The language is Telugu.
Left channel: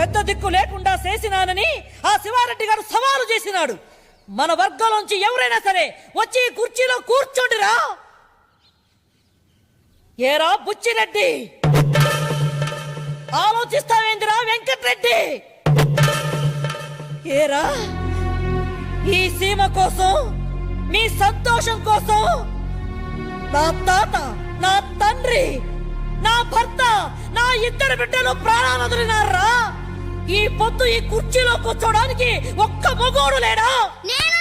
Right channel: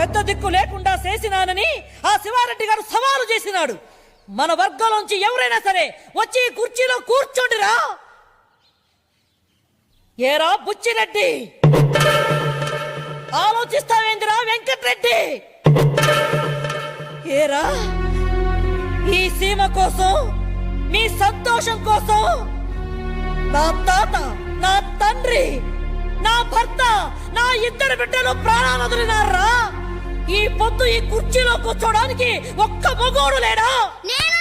పెద్ద దిక్కు లేకుండా చేసినానని ఆ శివారెడ్డి గారు సవాలు చేసినాడు. మన వర్గంలోంచి ఎవరైనా సరే వచ్చి కుర్చీలో కూర్చోండిరా. ఏరా బుచ్చిరెడ్డి? ఆలోచిస్తావేందిరా వెంకట్రెడ్డి? ఏరా? ఈ సీమ కోసం మీ సంతోషం కోసం నా తాత నా తండ్రి నా భర్త నా ఇద్దరు బిడ్డలు ప్రాణాలు వదిలినారా? ఈ పొద్దు ఈ కుర్చీలో కూర్చోడానికి ఒక్క మగోడు లేడా? నేను?